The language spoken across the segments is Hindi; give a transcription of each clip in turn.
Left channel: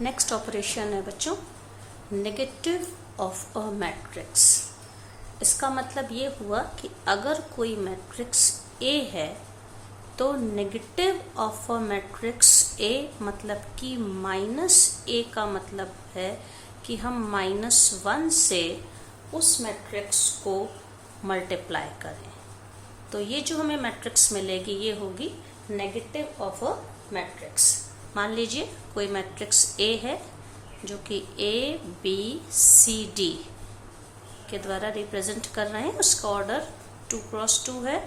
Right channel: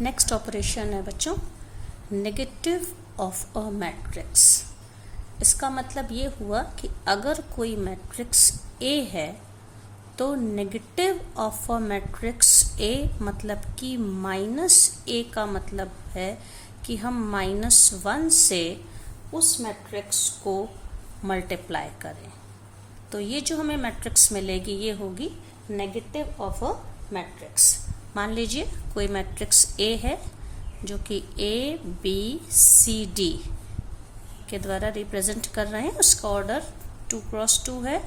नेक्स्ट ऑपरेशन है बच्चों नेगेटिव ऑफ अ मैट्रिक्स। इसका मतलब ये हुआ कि अगर कोई मैट्रिक्स ए है तो negative of a matrix A मतलब कि माइनस ए का मतलब है कि हम -1 से उस मैट्रिक्स को मल्टीप्लाई करें। तो ये जो हमें मैट्रिक्स मिलेगी ये होगी नेगेटिव ऑफ अ मैट्रिक्स। मान लीजिए कोई मैट्रिक्स ए है जो कि ए बी सी डी के द्वारा रिप्रेजेंट कर रहे हैं, उसका ऑर्डर 2 क्रॉस 2 है।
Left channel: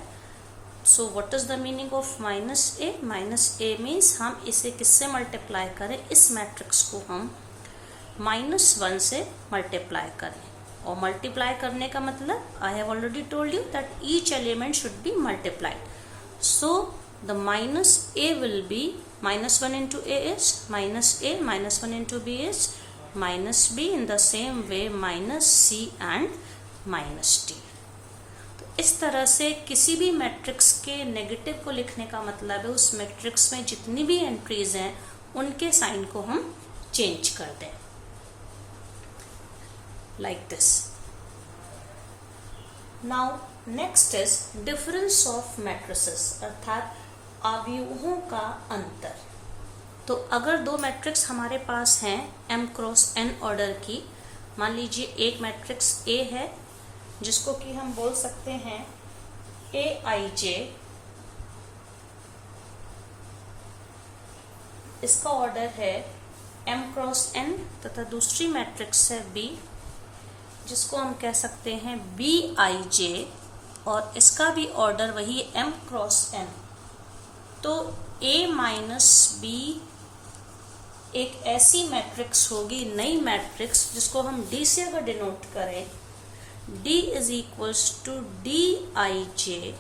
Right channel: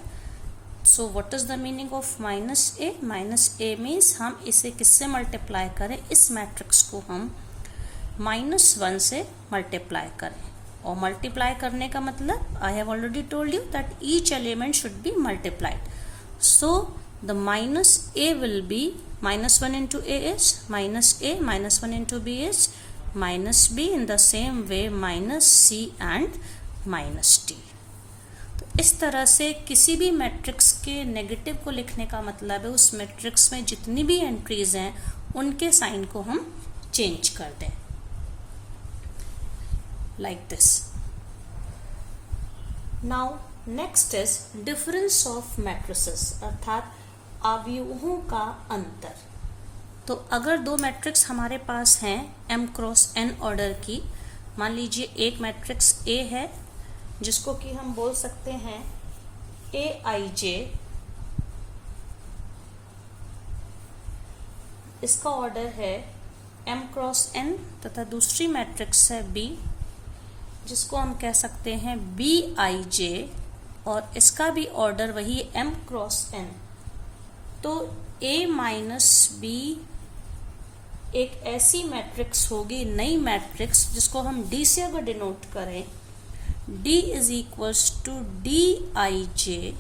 So what is the meaning of minus A? Minus A means हम इसे किससे मल्टीप्लाई करें, इस मैट्रिक्स को हम -1 से मल्टीप्लाई करें। और मल्टीप्लाई करने का मतलब I have already told you that each element should be multiplied. So the minus a will be -1 into a is minus a, -1 into b is minus b, in the same way minus c and minus d। तो इस तरह से किसी भी मैट्रिक्स के नेगेटिव को लिखने का मतलब है उस मैट्रिक्स में जितनी भी एंट्रीज हैं उनके साइन को हम चेंज कर दें, like this. Now next is difference of matrices, अर्थात अवयवों का अंतर। तो अगर दो मैट्रिक्स हमारे पास हैं m क्रॉस n ऑर्डर की, मान लीजिए एक मैट्रिक्स A है जिसको कि हम बोल सकते हैं Aij, इसका ऑर्डर है m क्रॉस n, तथा दूसरी मैट्रिक्स है B जिसको हम कह सकते हैं Bij और इसका भी ऑर्डर वही m क्रॉस n। तो A माइनस B एक ऐसी मैट्रिक्स होगी, नई मैट्रिक्स, जिसको हम D से अगर डिनोट करें, D is equals to Dij,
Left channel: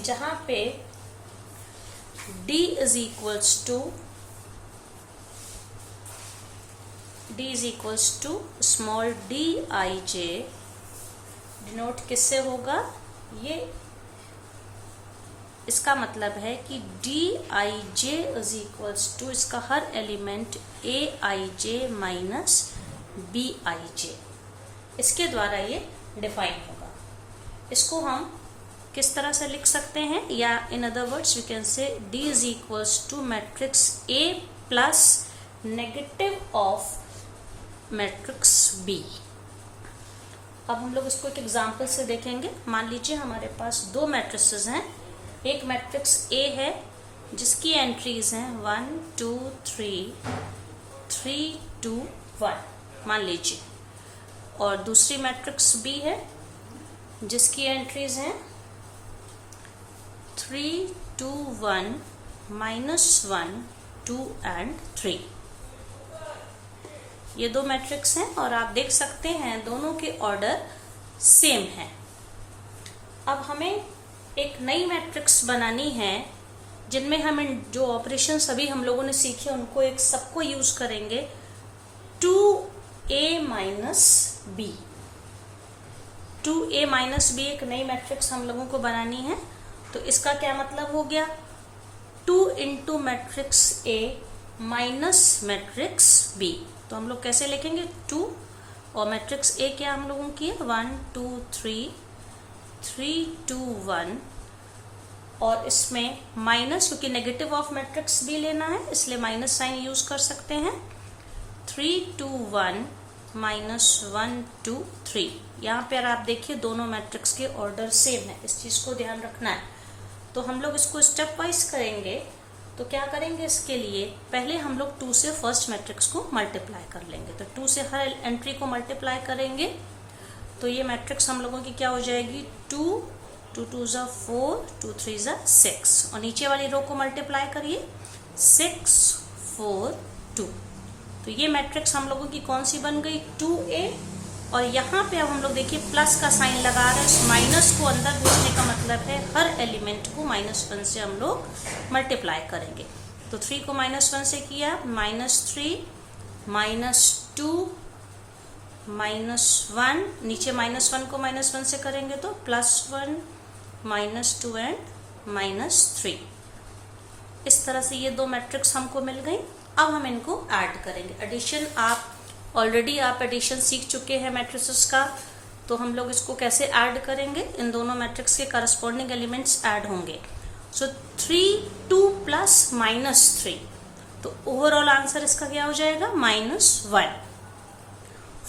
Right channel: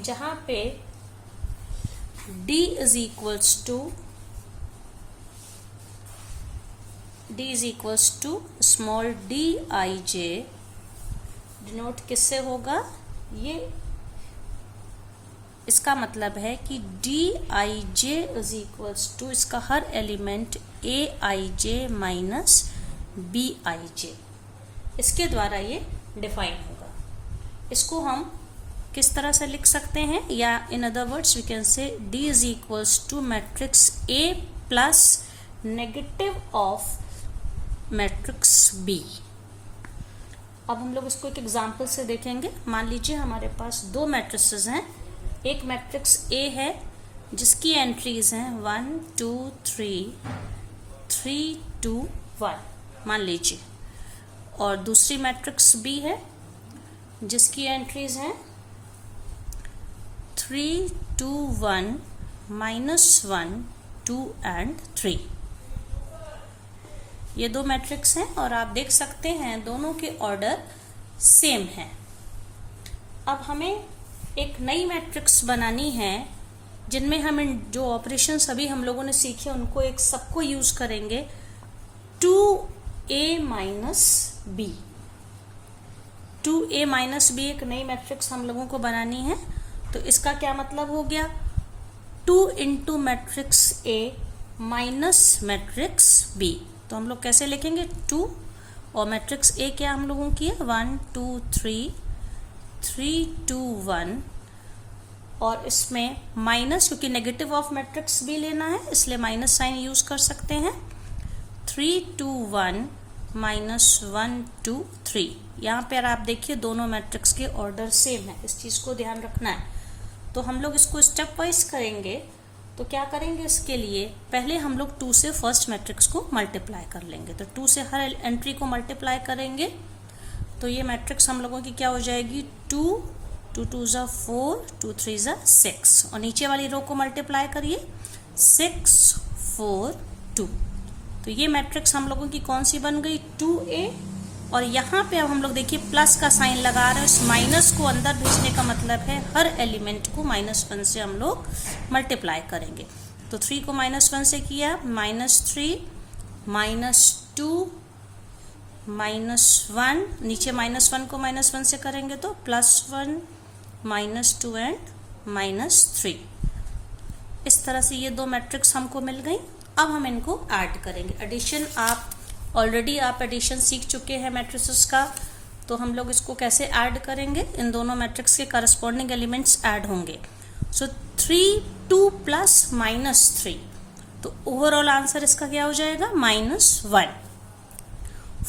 जहां पे D is equals to small Dij। Denote किससे होगा? ये इसका मतलब है कि Dij इज इक्वल्स टू इसका हर एलिमेंट Aij माइनस Bij, इसके द्वारा ये डिफाइन होगा। इसको हम किस तरह से लिख सकते हैं, या in other words we can say D is equals to matrix A plus negative of matrix B। अब हम लोग इसको एक एग्जाम्पल से देखेंगे। मान लीजिए हमारे पास दो मैट्रिसेस हैं, एक मैट्रिक्स A है जिसकी एंट्रीज हैं 1 2 3 3 2 1 मान लीजिए, और दूसरी मैट्रिक्स B है जिसकी एंट्रीज हैं 3 2 1 -1 2 एंड 3। ये दो मैट्रिक्स हैं और आप देख सकते हैं दोनों के ऑर्डर सेम हैं। अब हमें एक नई मैट्रिक्स बनानी है जिनमें हम जो ऑपरेशन सभी हम लोगों ने सीखे उनको एक सबको यूज करेंगे। 2a minus b, 2a minus b एक नई मैट्रिक्स हम लोगों को बनानी है। तो इसका क्या मतलब हो गया? 2 into matrix a minus matrix b। तो हम लोग कैसे लिखेंगे? 2 और मैट्रिक्स a क्या हम लोगों की है 1 2 3 3 2 1, और इसमें माइनस, क्योंकि नेगेटिव ऑफ मैट्रिक्स भी लेना है इसलिए माइनस साइन यूज कर सकते हैं। 3 2 1 -1 2 3। यहाँ पर आप देखिए दोनों मैट्रिक्स के ऑर्डर सेम है, इस चीज को ध्यान रखना है। तो हम लोग इसको स्टेप वाइज करेंगे। तो क्या करेंगे, इसके लिए पहले हम लोग 2 से फर्स्ट मैट्रिक्स को मल्टीप्लाई कर लेंगे। तो 2 से हर एंट्री को मल्टीप्लाई करेंगे तो ये मैट्रिक्स हम लोगों की क्या हो जाएगी 2 2 2 4 2 3 6, और नीचे वाली रो को मल्टीप्लाई करिए 6 4 2। तो ये मैट्रिक्स हम लोगों की कौन सी बन गई 2a, और यहाँ पे अब हम लोग देखिए प्लस का साइन लगा रहे हैं, उस माइनस को अंदर भेजने का मतलब है हर एलिमेंट को -1 से हम लोग मल्टीप्लाई करेंगे। तो 3 को -1 से किया -3 -2 -1, नीचे -1 को -1 से करेंगे तो +1 -2 एंड -3। इस तरह से ये दो मैट्रिक्स हमको मिल गई। अब हम इनको ऐड करेंगे। एडिशन आप एडिशन सीख चुके हैं मैट्रिसेस का, तो हम लोग इसको कैसे ऐड करेंगे, इन दोनों मैट्रिक्स के करस्पॉन्डिंग एलिमेंट्स ऐड होंगे। सो 3 2 प्लस -3, तो ओवरऑल आंसर इसका क्या हो जाएगा -1।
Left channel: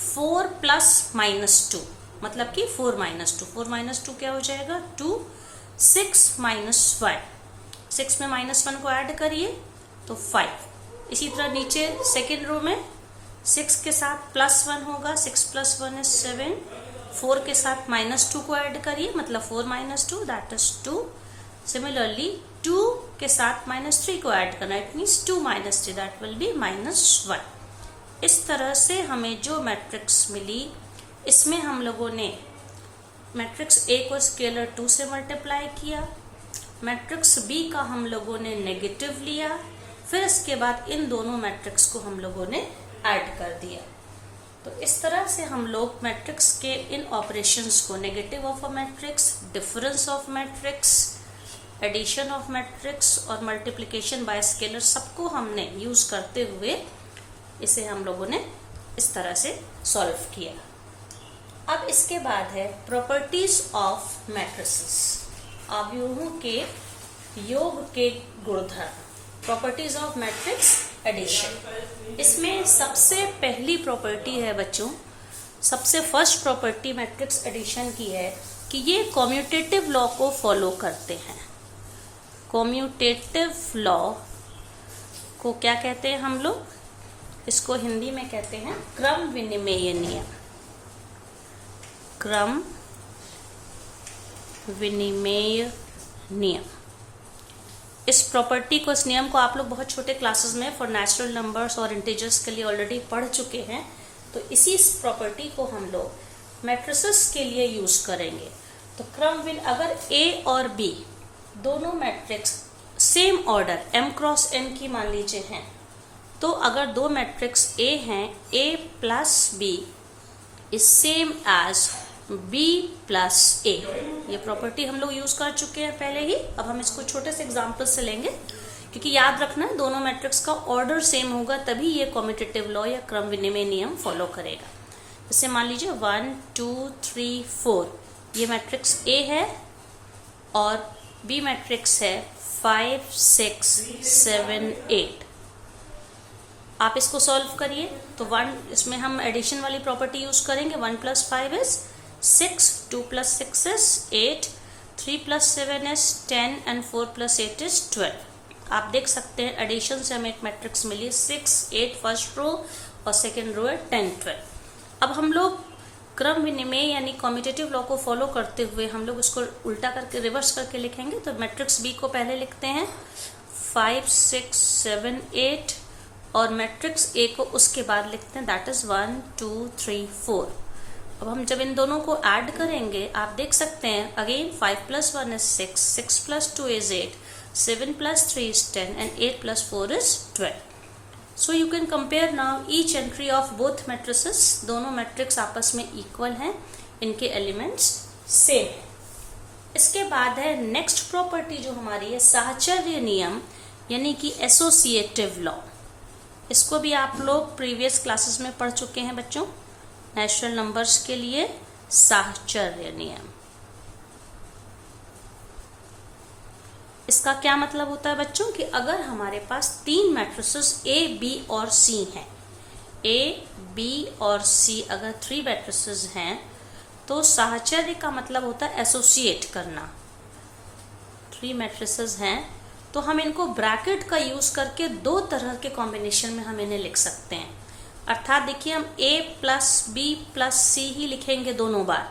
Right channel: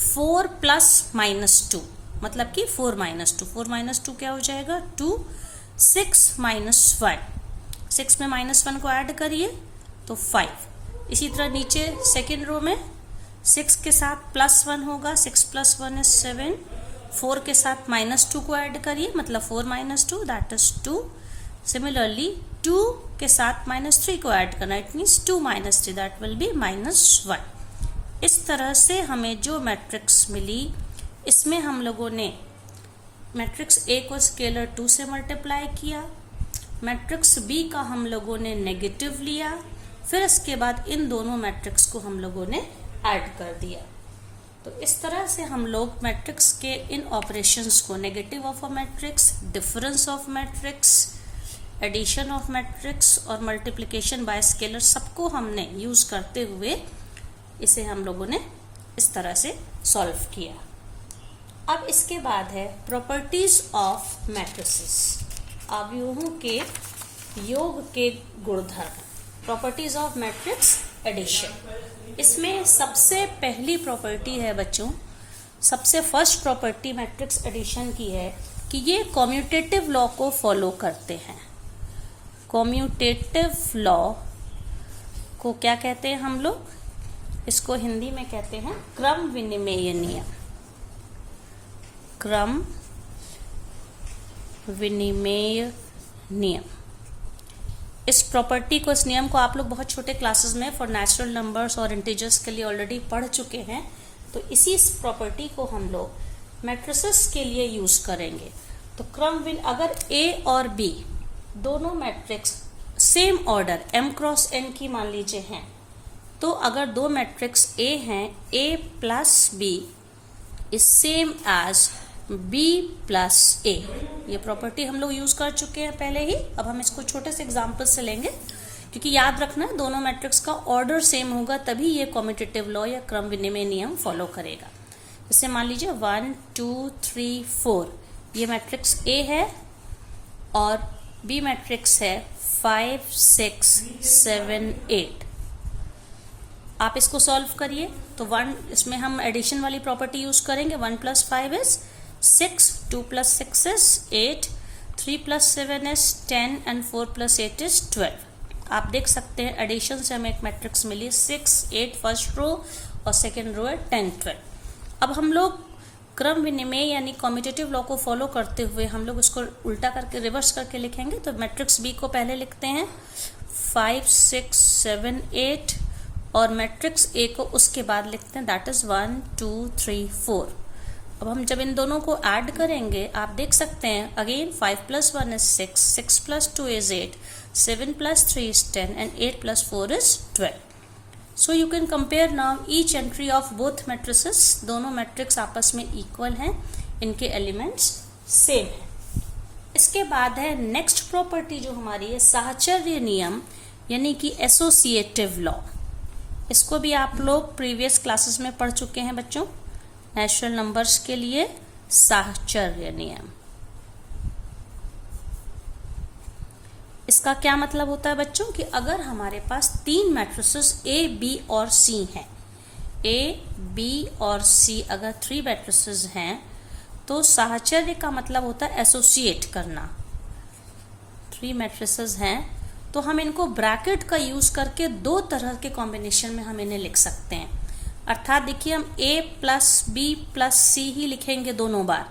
4 प्लस -2 मतलब कि 4 - 2 क्या हो जाएगा 2। 6 -1, 6 में -1 को ऐड करिए तो 5। इसी तरह नीचे सेकेंड रो में 6 के साथ +1 होगा, 6 + 1 is 7। 4 के साथ -2 को ऐड करिए, मतलब 4 - 2 दैट इज 2। सिमिलरली 2 के साथ -3 को ऐड करना, it means 2 - 3 that will be -1। इस तरह से हमें जो मैट्रिक्स मिली, इसमें हम लोगों ने मैट्रिक्स A को स्केलर 2 से मल्टीप्लाई किया, मैट्रिक्स B का हम लोगों ने नेगेटिव लिया, फिर इसके बाद इन दोनों मैट्रिक्स को हम लोगों ने ऐड कर दिया। तो इस तरह से हम लोग मैट्रिक्स के इन ऑपरेशंस को, negative of a matrix, difference of matrix, addition of matrix और मल्टीप्लिकेशन बाय स्केलर, सबको हमने यूज करते हुए इसे हम लोगों ने इस तरह से सॉल्व किया। अब इसके बाद है प्रॉपर्टीज ऑफ मैट्रिसेस, अवयवों के योग के गुणधर्म, प्रॉपर्टीज ऑफ मैट्रिक्स एडिशन। इसमें सबसे पहली प्रॉपर्टी है बच्चों, सबसे फर्स्ट प्रॉपर्टी मैट्रिक्स एडिशन की है कि ये कॉम्यूटेटिव लॉ को फॉलो करते हैं। कॉम्यूटेटिव लॉ को क्या कहते हैं हम लोग, इसको हिंदी में कहते हैं क्रम विनिमेय नियम। क्रम विनिमेय नियम, इस प्रॉपर्टी को, इस नियम को आप लोग बहुत छोटे क्लासेस में फॉर नेचुरल नंबर्स और इंटीजर्स के लिए ऑलरेडी पढ़ चुके हैं। तो इसी प्रॉपर्टी को हम लोग मैट्रिसेस के लिए यूज करेंगे। तो अगर A और B दोनों matrix same order m cross n की मान लीजिए हैं, तो अगर दो मैट्रिक्स A हैं, A + B is same as B + A, ये प्रॉपर्टी हम लोग यूज कर चुके हैं पहले ही। अब हम इसको छोटे से एग्जांपल से लेंगे, क्योंकि याद रखना दोनों मैट्रिक्स का ऑर्डर सेम होगा तभी ये कॉम्यूटेटिव लॉ या क्रम विनिमय नियम फॉलो करेगा। जैसे मान लीजिए 1 2 3 4 ये मैट्रिक्स A है और B मैट्रिक्स है 5 6 7 8। आप इसको सॉल्व करिए तो 1, इसमें हम एडिशन वाली प्रॉपर्टी यूज करेंगे। 1 + 5 is 6, 2 + 6 is 8, 3 + 7 is 10 and 4 + 8 is 12। आप देख सकते हैं एडिशन से हमें एक मैट्रिक्स मिली 6 8 फर्स्ट रो और सेकेंड रो है 10 12। अब हम लोग क्रम विनिमय यानी कॉम्यूटेटिव लॉ को फॉलो करते हुए हम लोग उसको उल्टा करके रिवर्स करके लिखेंगे। तो मैट्रिक्स B को पहले लिखते हैं 5 6 7 8 और मैट्रिक्स A को उसके बाद लिखते हैं, दैट इज 1 2 3 4। अब हम जब इन दोनों को ऐड करेंगे आप देख सकते हैं, again 5 + 1 is 6, 6 + 2 is 8, 7 + 3 is 10 and 8 + 4 is 12। So you can compare now each entry of both matrices, दोनों मैट्रिक्स आपस में इक्वल हैं, इनके एलिमेंट्स सेम हैं। इसके बाद है नेक्स्ट प्रॉपर्टी जो हमारी है साहचर्य नियम यानी कि एसोसिएटिव लॉ। इसको भी आप लोग प्रीवियस क्लासेस में पढ़ चुके हैं बच्चों, नेचुरल नंबर्स के लिए साहचर्य नियम। इसका क्या मतलब होता है बच्चों कि अगर हमारे पास 3 मैट्रिसेस A, B और C हैं, A, B और C अगर 3 मैट्रिसेस हैं, तो साहचर्य का मतलब होता है एसोसिएट करना। 3 मैट्रिसेस हैं तो हम इनको ब्रैकेट का यूज करके 2 तरह के कॉम्बिनेशन में हम इन्हें लिख सकते हैं। अर्थात देखिए हम A + B + C ही लिखेंगे दोनों बार,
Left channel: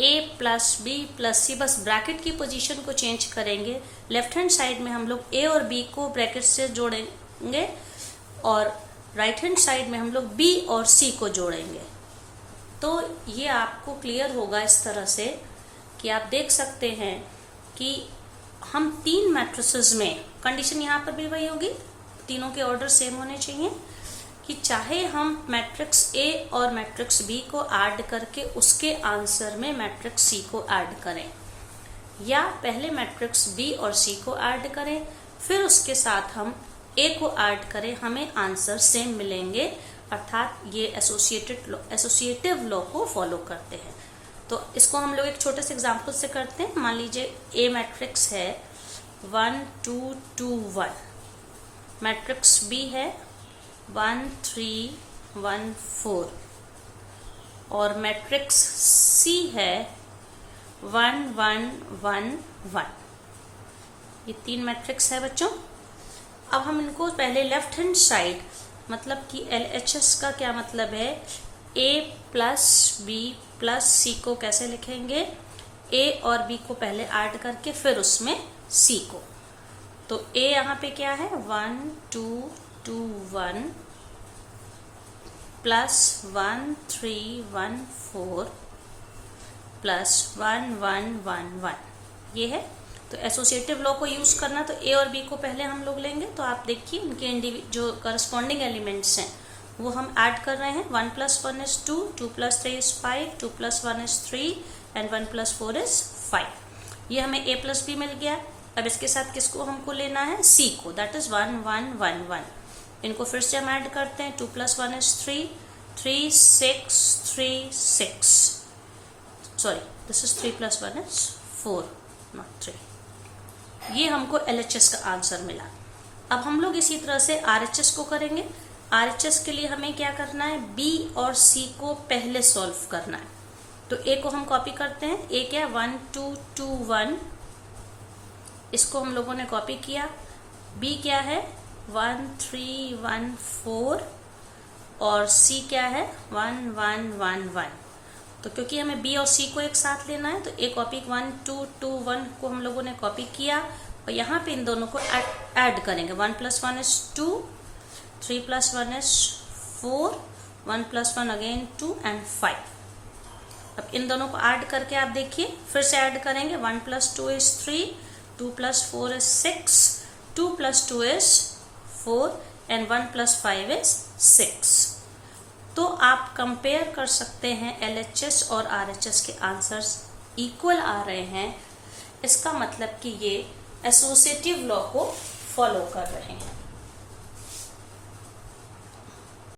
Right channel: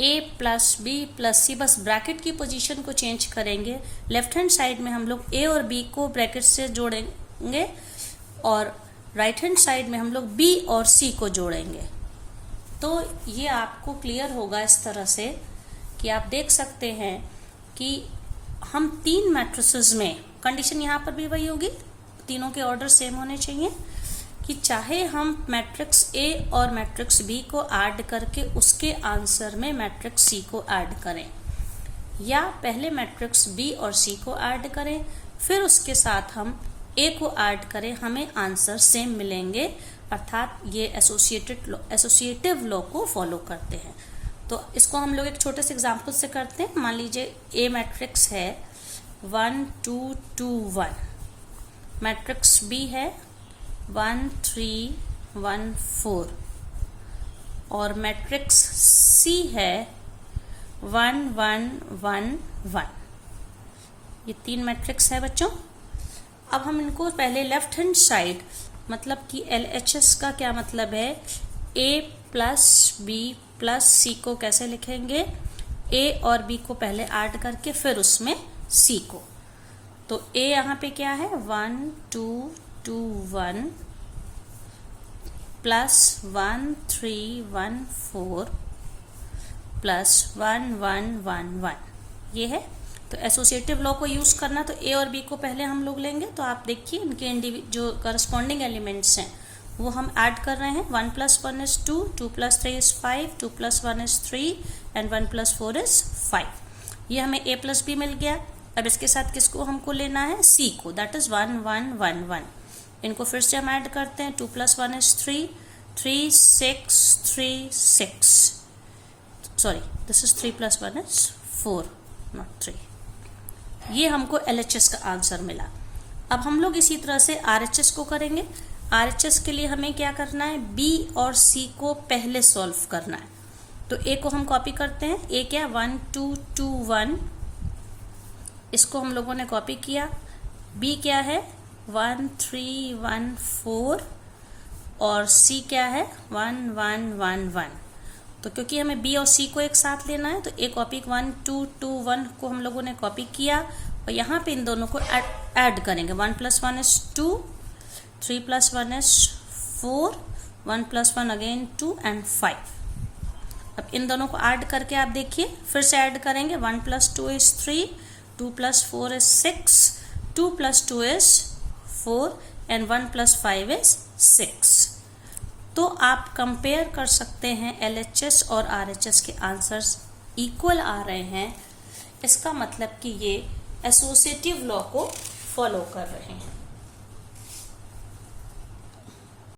A + B + C, बस ब्रैकेट की पोजीशन को चेंज करेंगे। लेफ्ट हैंड साइड में हम लोग A और B को ब्रैकेट से जोड़ेंगे और राइट हैंड साइड में हम लोग B और C को जोड़ेंगे। तो ये आपको क्लियर होगा इस तरह से कि आप देख सकते हैं कि हम 3 मैट्रिसेस में, कंडीशन यहाँ पर भी वही होगी, तीनों के ऑर्डर सेम होने चाहिए, कि चाहे हम मैट्रिक्स A और मैट्रिक्स B को ऐड करके उसके आंसर में मैट्रिक्स C को ऐड करें, या पहले मैट्रिक्स B और C को ऐड करें फिर उसके साथ हम ए को ऐड करें हमें आंसर सेम मिलेंगे, अर्थात ये एसोसिएटिव लॉ को फॉलो करते हैं। तो इसको हम लोग एक छोटे से एग्जांपल से करते हैं। मान लीजिए ए मैट्रिक्स है 1 2 2 1, मैट्रिक्स बी है 1 3 1 4 और मैट्रिक्स सी है 1 1 1 1। ये 3 मैट्रिक्स है बच्चों। अब हम इनको पहले लेफ्ट हैंड साइड, मतलब कि LHS का क्या मतलब है, A प्लस बी प्लस सी को कैसे लिखेंगे, A और B को पहले ऐड करके फिर उसमें C को। तो A यहाँ पे क्या है 1 2 2 1 प्लस 1 3 1 4 प्लस 1 1 1 1, ये है। तो एसोसिएटिव लॉ को यूज करना, तो ए और बी को पहले हम लोग लेंगे। तो आप देखिए इनके जो करस्पॉन्डिंग एलिमेंट्स हैं वो हम ऐड कर रहे हैं। 1 + 1 is 2, 2 + 3 is 5, 2 + 1 is 3 and 1 + 4 is 5। ये हमें ए प्लस बी मिल गया। अब इसके साथ किसको हमको लेना है, सी को, दैट इज 1 1 1 1। इनको फिर से हम ऐड करते हैं। 2 + 1 is 3, 3 6 3 6, sorry this is 3 + 1 is 4 not 3। ये हमको LHS का आंसर मिला। अब हम लोग इसी तरह से RHS को करेंगे। RHS के लिए हमें क्या करना है, B और C को पहले सॉल्व करना है। तो A को हम कॉपी करते हैं। A क्या 1 2 2 1, इसको हम लोगों ने कॉपी किया। B क्या है 1 3 1 4 और C क्या है 1 1 1 1। तो क्योंकि हमें B और C को एक साथ लेना है तो A कॉपी 1 2 2 1 को हम लोगों ने कॉपी किया और यहाँ पे इन दोनों को ऐड करेंगे। 1 + 1 is 2, 3 + 1 is 4, 1 + 1 अगेन 2 एंड 5। अब इन दोनों को ऐड करके आप देखिए, फिर से ऐड करेंगे। 1 + 2 is 3, 2 + 4 is 6, 2 + 2 is 4 and 1 + 5 is 6। तो आप कंपेयर कर सकते हैं LHS और RHS के आंसर्स इक्वल आ रहे हैं, इसका मतलब कि ये एसोसिएटिव लॉ को फॉलो कर रहे हैं।